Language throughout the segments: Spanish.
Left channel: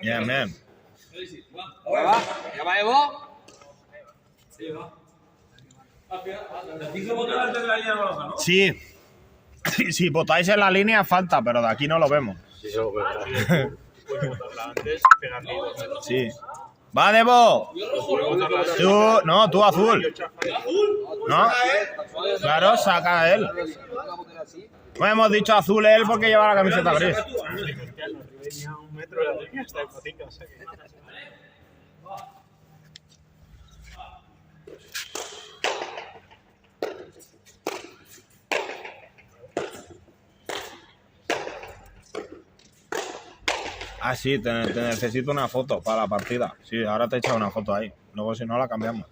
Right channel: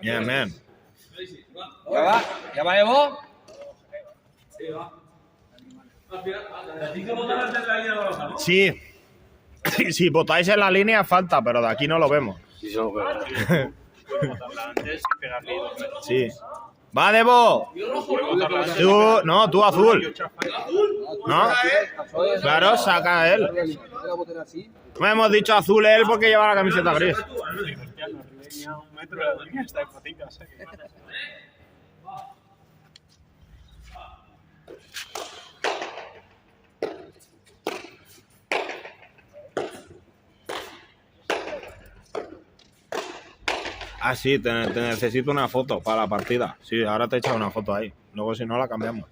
Bien, bien. ¿Ya va Evo? Sí. Si votáis en la línea, falta, pero de aquí no lo vemos. Sí. ¡Va, Debo! Tú azul. ¿No? Claro, saca a él. No hemos dicho azul él porque lleva la camiseta gris. Ah, sí, te necesito una foto para la partida. Sí, ahora te he echado una foto ahí. Luego si no la cambiamos.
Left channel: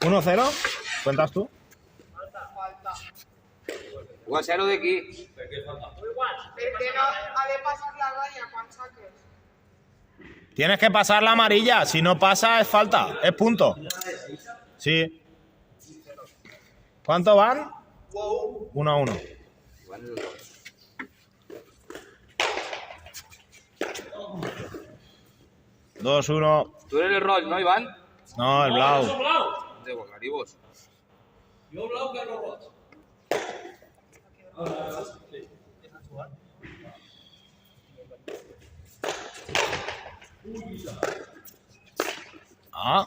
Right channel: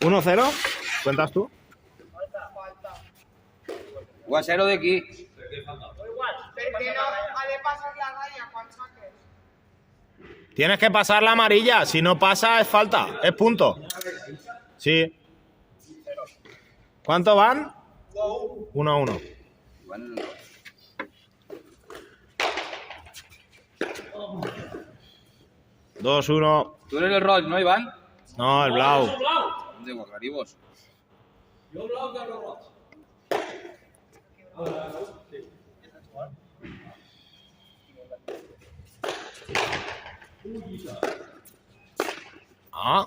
¿1-0? ¿Cuentas tú? 1-0 de aquí. Tienes que pasar la amarilla. Si no pasa, es falta. Es punto. Sí. ¿Cuánto van? 1-1. 2-1. Tú eres el roig, ¿no, Iván? No, el blau. De Guacaribos. Jo blau, Carlos Roig. Ah.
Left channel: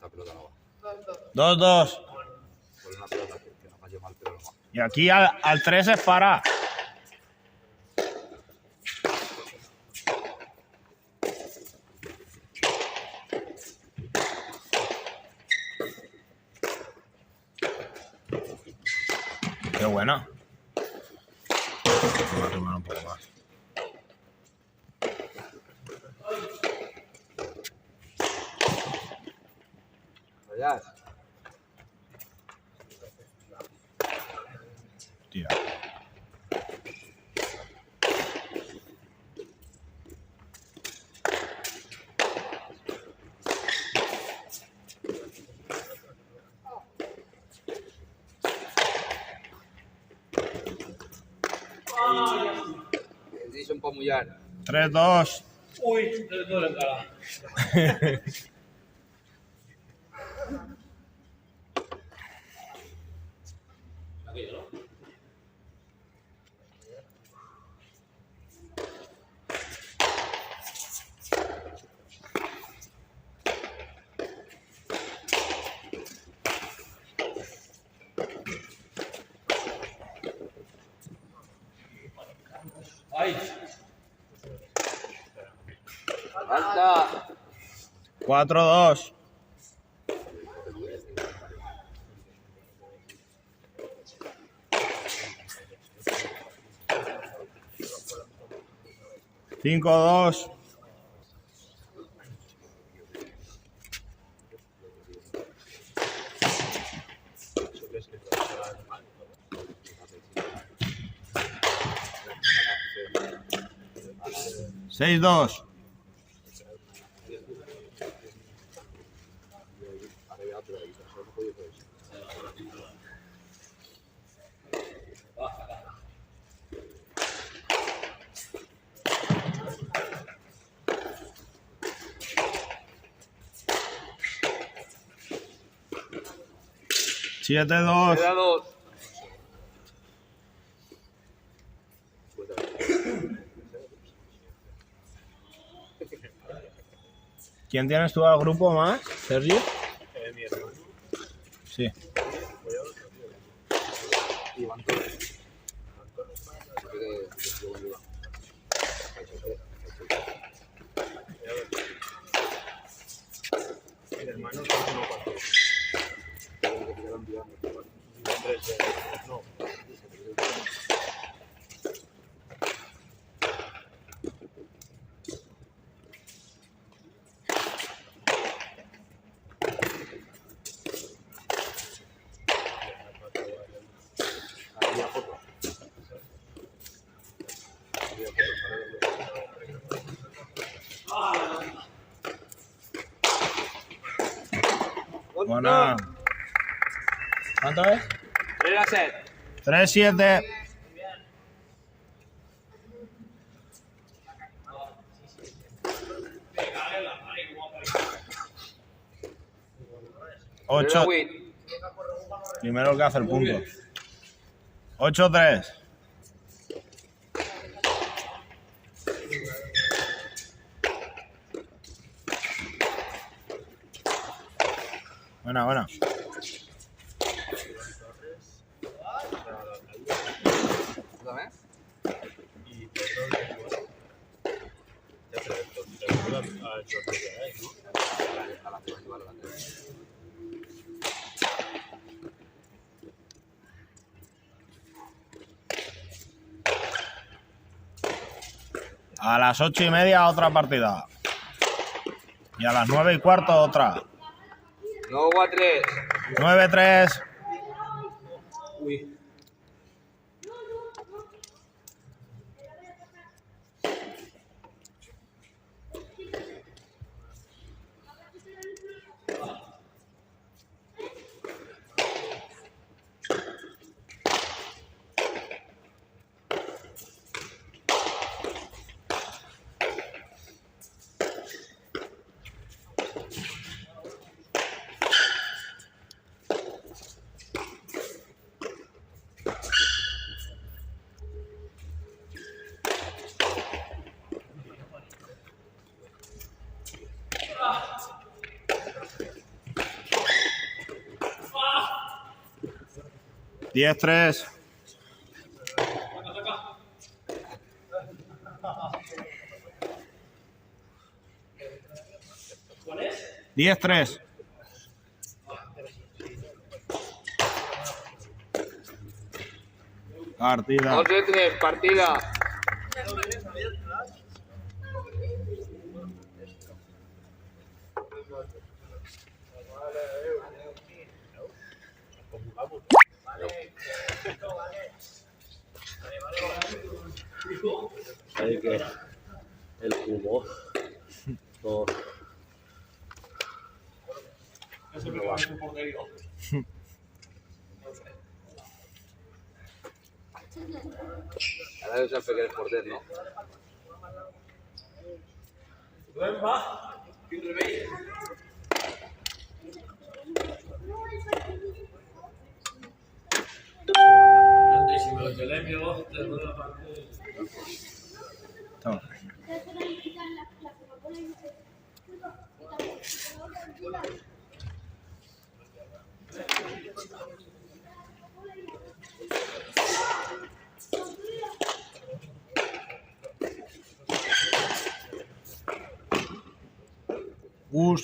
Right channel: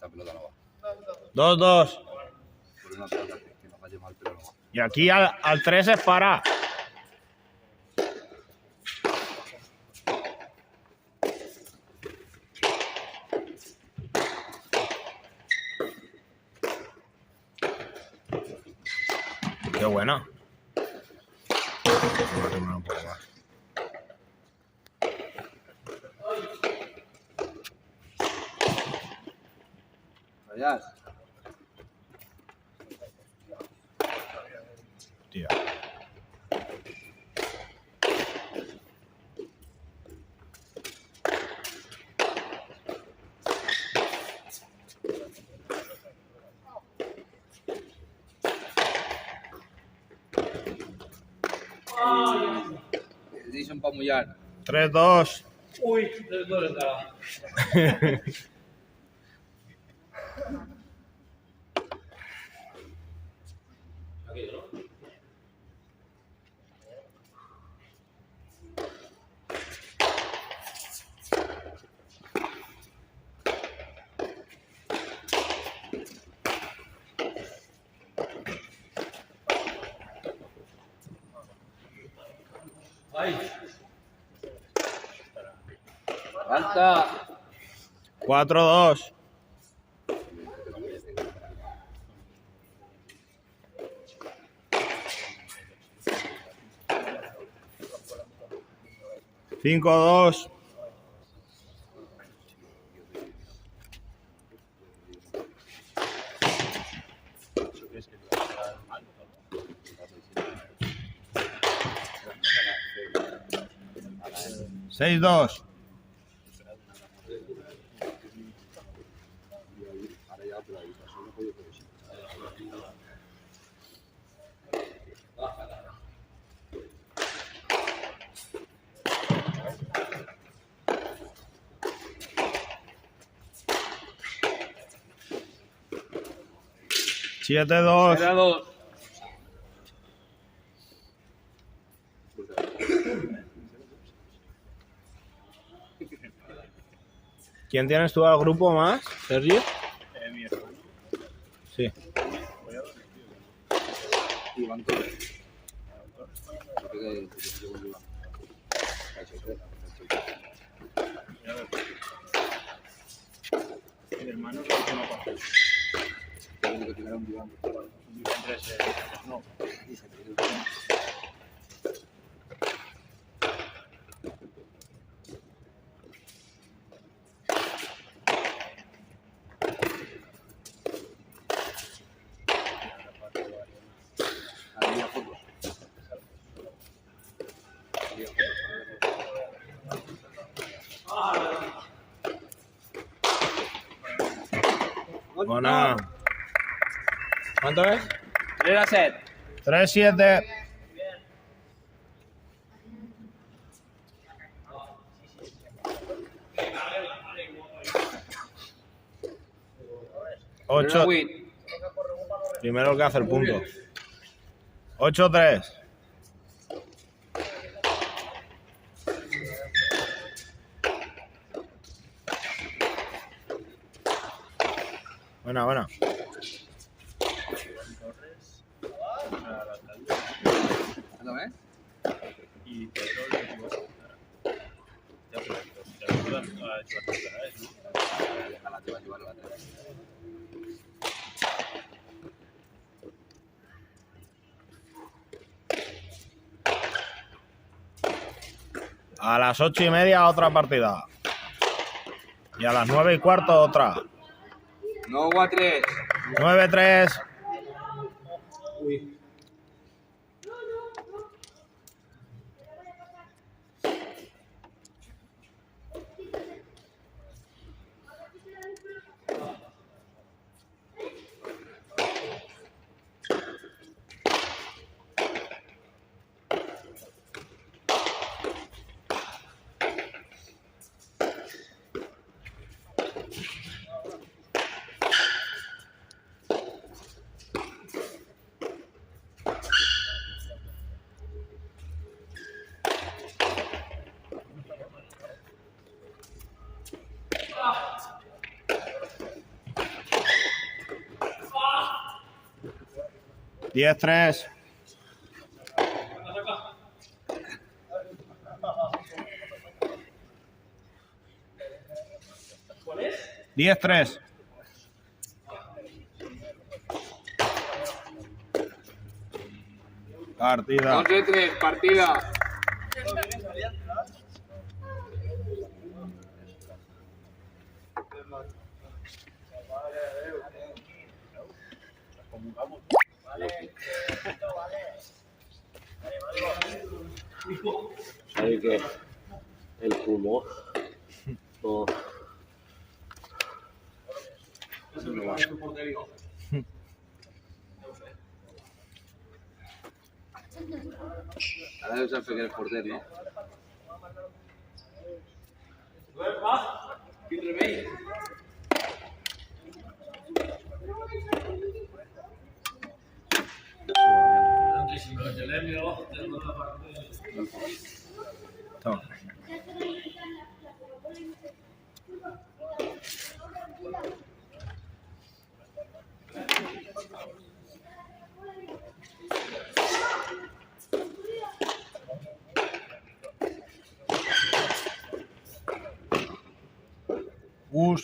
La pelota no va. 2-2. Por una pelota que no falle mal, pero no va. Y aquí al 3 es para. Qué buena. Vamos a arrimar un poco más. Vayas. Tía. Edison para mullar. 3-2. Ui, del duele encara. Aquello, ¿no? Ahí. Falta. 4-2. Cinco, 2. Seis, 2. Siete, 2. Era 2. ¿Quién tienes tú al grupo más, Sergio? Mi hermano. Sí. Iván. Mi hermano sí que no pasó. No. Había fotos. Había fotos. Buena. ¿Cuánto es? 3-7. 3-7. Ocho. Primero el que hace el punto. 8-3. Buena, buena. Cuéntame. Y Pedro le equivocó. Ya, pero esto, si la película ha hecho la primera vez, ¿no? Vale. A las 8:30 otra partida. Y a las 9:15 otra. No, 3. 9-3. Uy. Diez, 3. ¿Cuál es? 10-3. Partida. 2-3, partida. ¿Sabes qué? El humo. Oh. Ahora yo sé que eres portero, ¿no? Si me lo telemio, te doy la parte. Toma.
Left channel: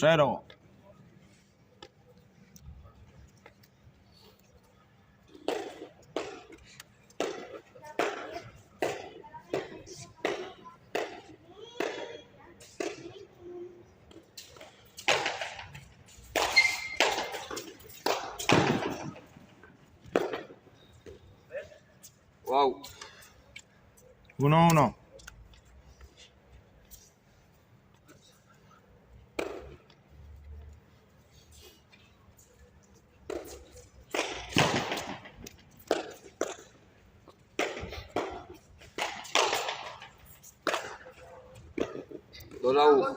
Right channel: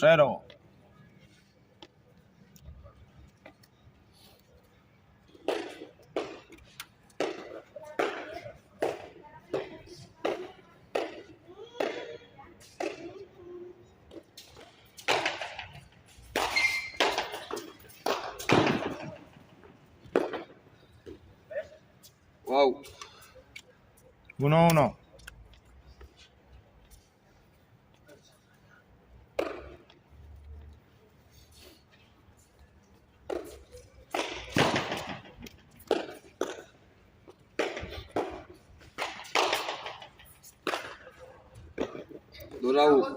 Cero. Wow. 1-1. Dos a 1.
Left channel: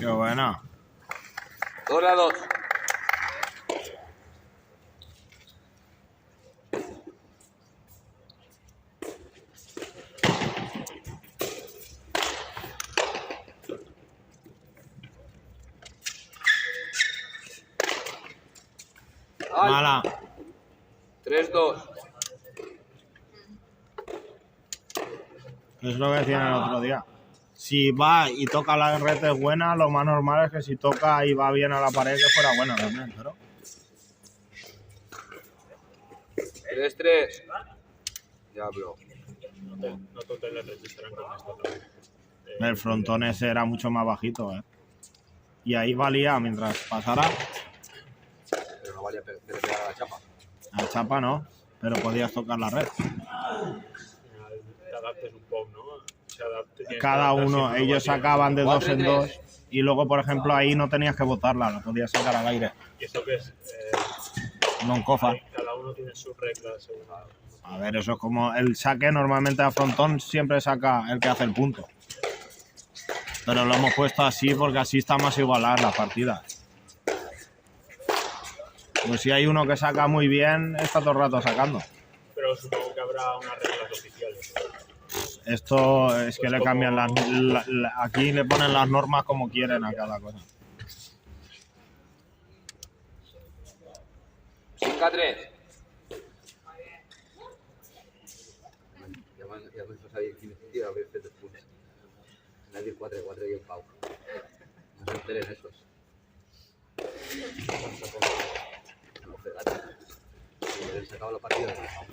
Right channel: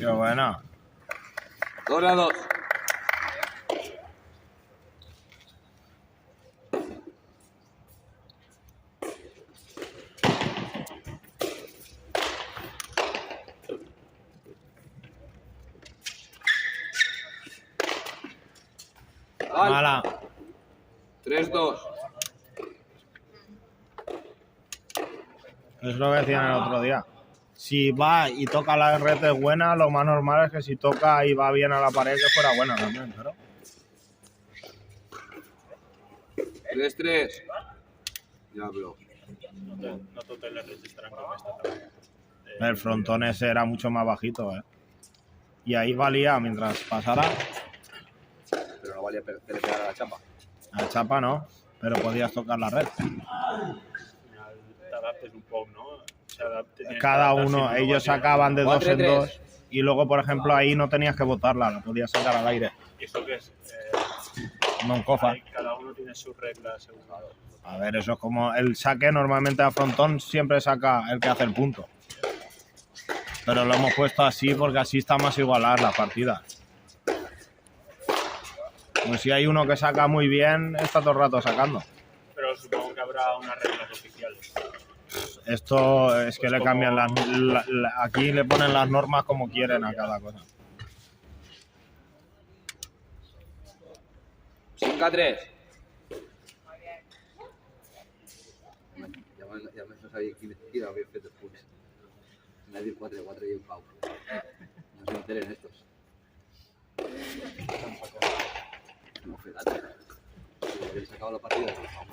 Qué buena. 2-2. Mala. 3-2. Es lo que decían el otro día. Si va y toca la red es buena, lo más normal es que si toca y va bien a la pared que fuera buena también, pero... 3-3. Ya, bro. No totes las leches estarán con esto también. El frontón ese era mucho más bajito, ¿eh? Y ahí valía mientras pasara. Pero no valía que le pegara la chapa. A chapa no, pero podías tocar la red. Al final te adaptes un poco, ¿no? Tienes Cada que adaptar uno, siempre ellos como sacaban de Va 2 en 3-3. 2 y luego, por ejemplo, ahí no tenías que botarla, la podías sacar al aire. tienes. ¿Y eso qué es? No en cofa. Cada uno tiene sus reglas según. A ver, eso es como el saque. Normalmente a frontón siempre saca el que hace el punto. Pero lo hemos puesto así porque así está más igualar la partida. Pues si hay uno que saca muy bien, está todo el rato sacando. Pero supongo que habrá unas reglas oficiales. Esto es que le cambian aquí le ponen las normas como quieren a cada cosa. 5-3. Ja me sabia quin havia fet després. Me ha dit 4-4 i el Pau. No se enteren estos. No fue la tarea. Se acaba la partida. Descansar.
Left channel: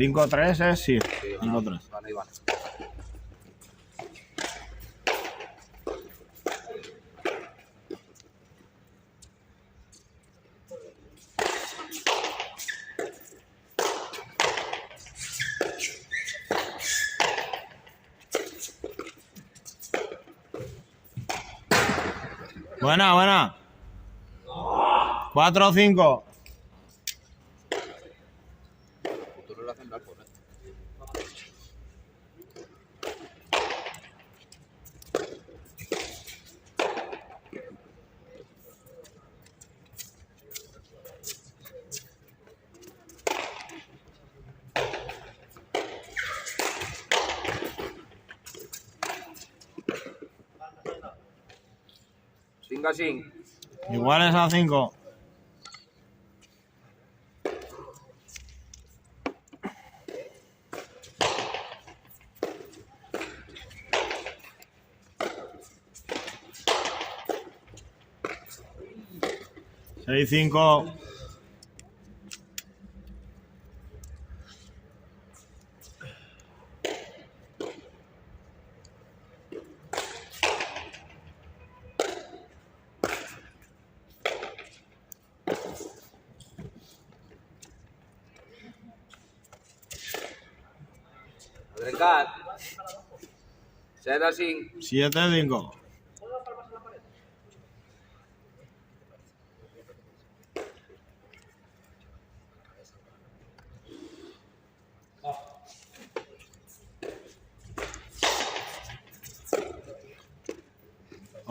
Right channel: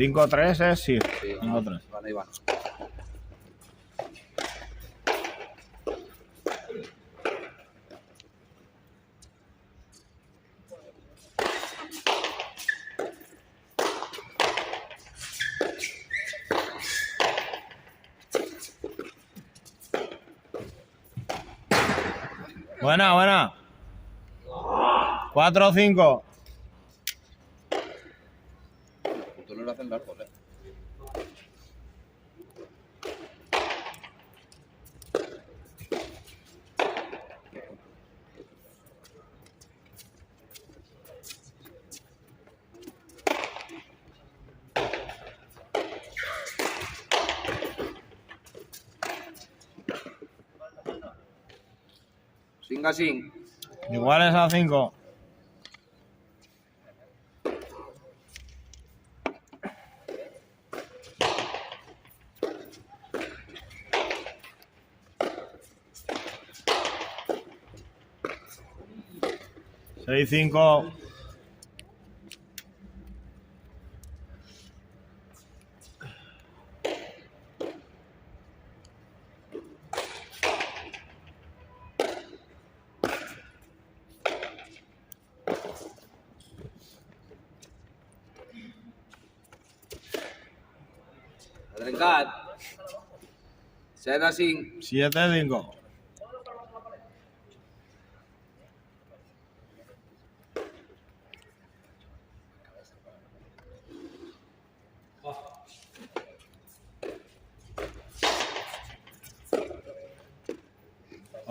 5-3 es sí. Sí, 5-3. van, ahí van. Buena, buena. 4-5. Tú no le hacen largos, ¿eh? Cinc a 5. Iguales a 5. Seis, 5. Ha trencat. 7 a 5. 7-5.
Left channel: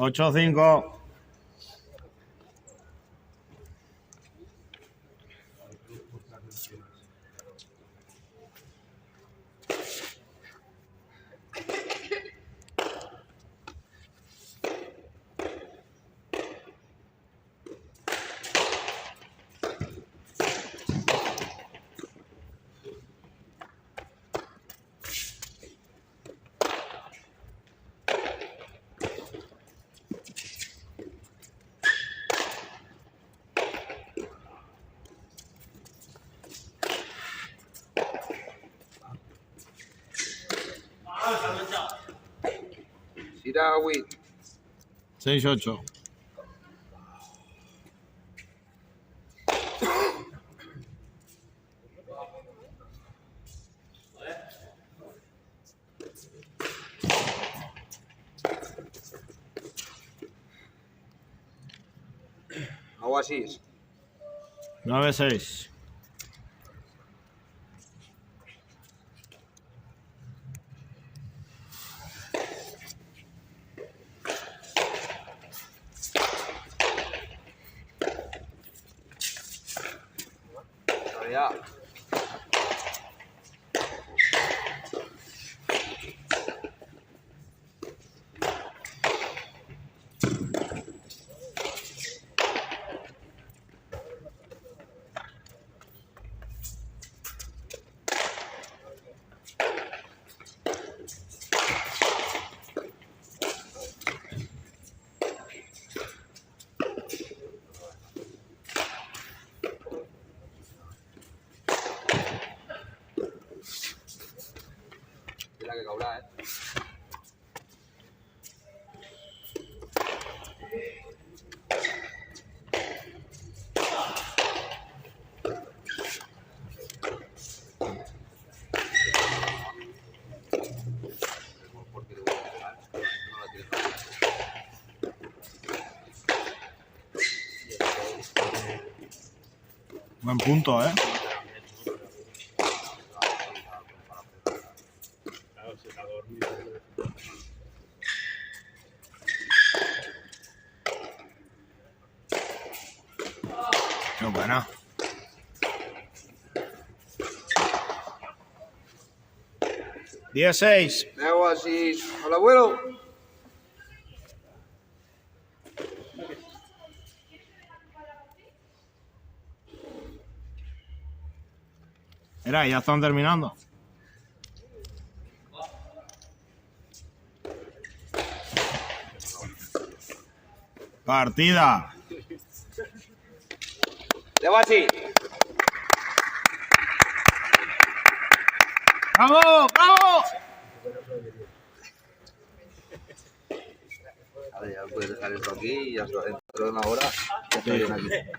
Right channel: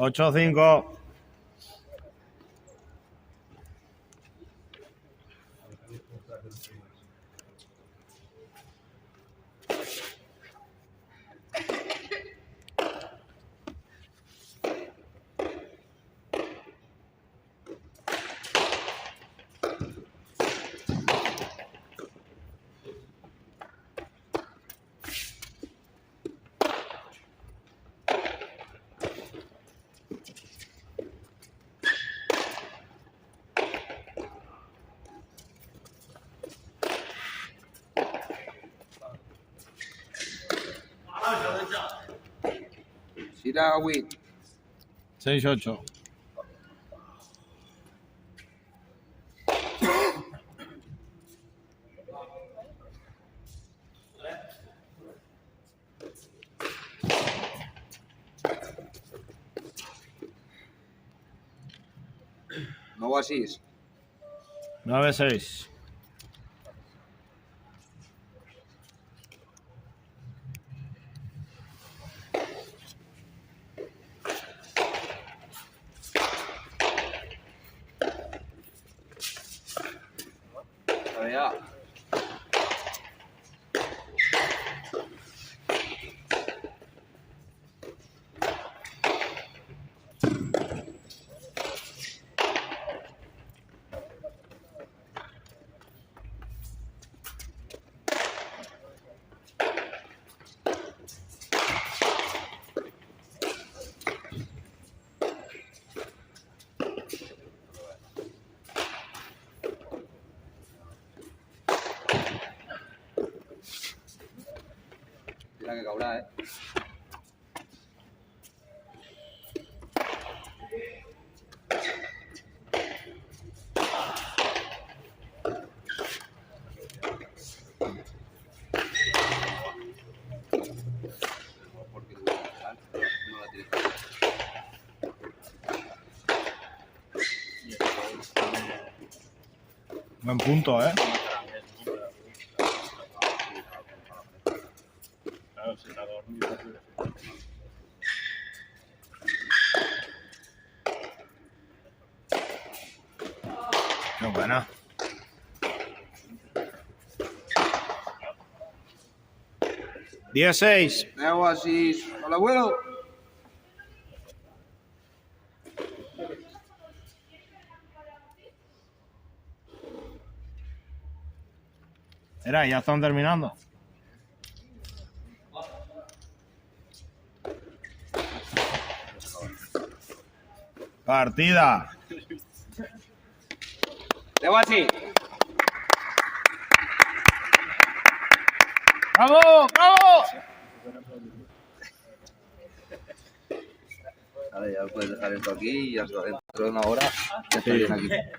Ocho, 5. Gira a 8. 6-8. Nou a 6. 9-6. A ver, ya. ahora, ¿eh? Porque le voy a dejar, no la tiene fácil. Buen punto, ¿eh? Claro, se está dormido. Qué buena. ¡16! Veo así. Hola, abuelo. Mira, ya están terminando. Partida. Veo así. ¡Vamos! ¡Vamos! Vale, ya puedes dejar esto aquí y hasta dentro de una hora ya está bien aquí.